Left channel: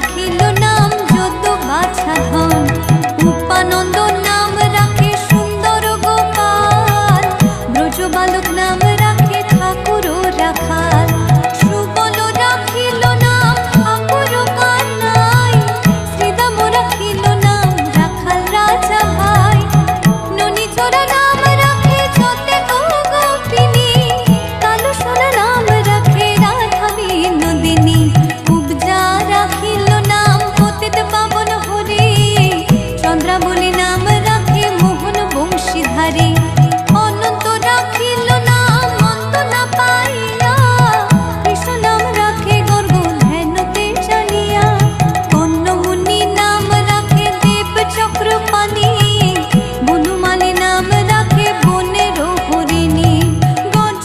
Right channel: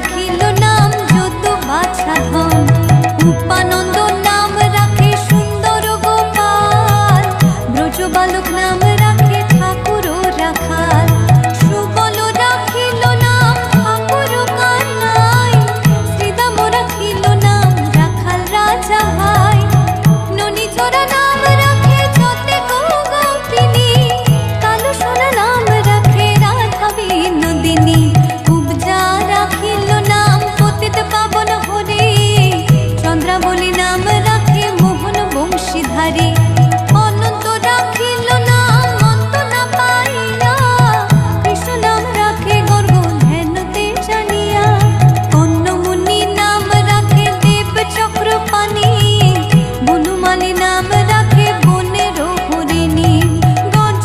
রাখিল নাম যদু বাছা ধন। উপানন্দ নাম রাখে সুন্দর গোপাল, ব্রজ বালক নাম রাখে ঠাকুর রাখাল। সুবল রাখিল নাম ঠাকুর কানাই, শ্রীদাম রাখিল নাম রাখাল রাজা ভাই। ননীচরা নাম রাখে যতে গোপিনী, কালো সোনা নাম রাখে রাধা বিনোদিনী। কুবজা রাখিল নাম পতিত পাবন হরি, চন্দ্রাবলী নাম রাখে মোহন বংশীধারী। অনন্ত রাখিল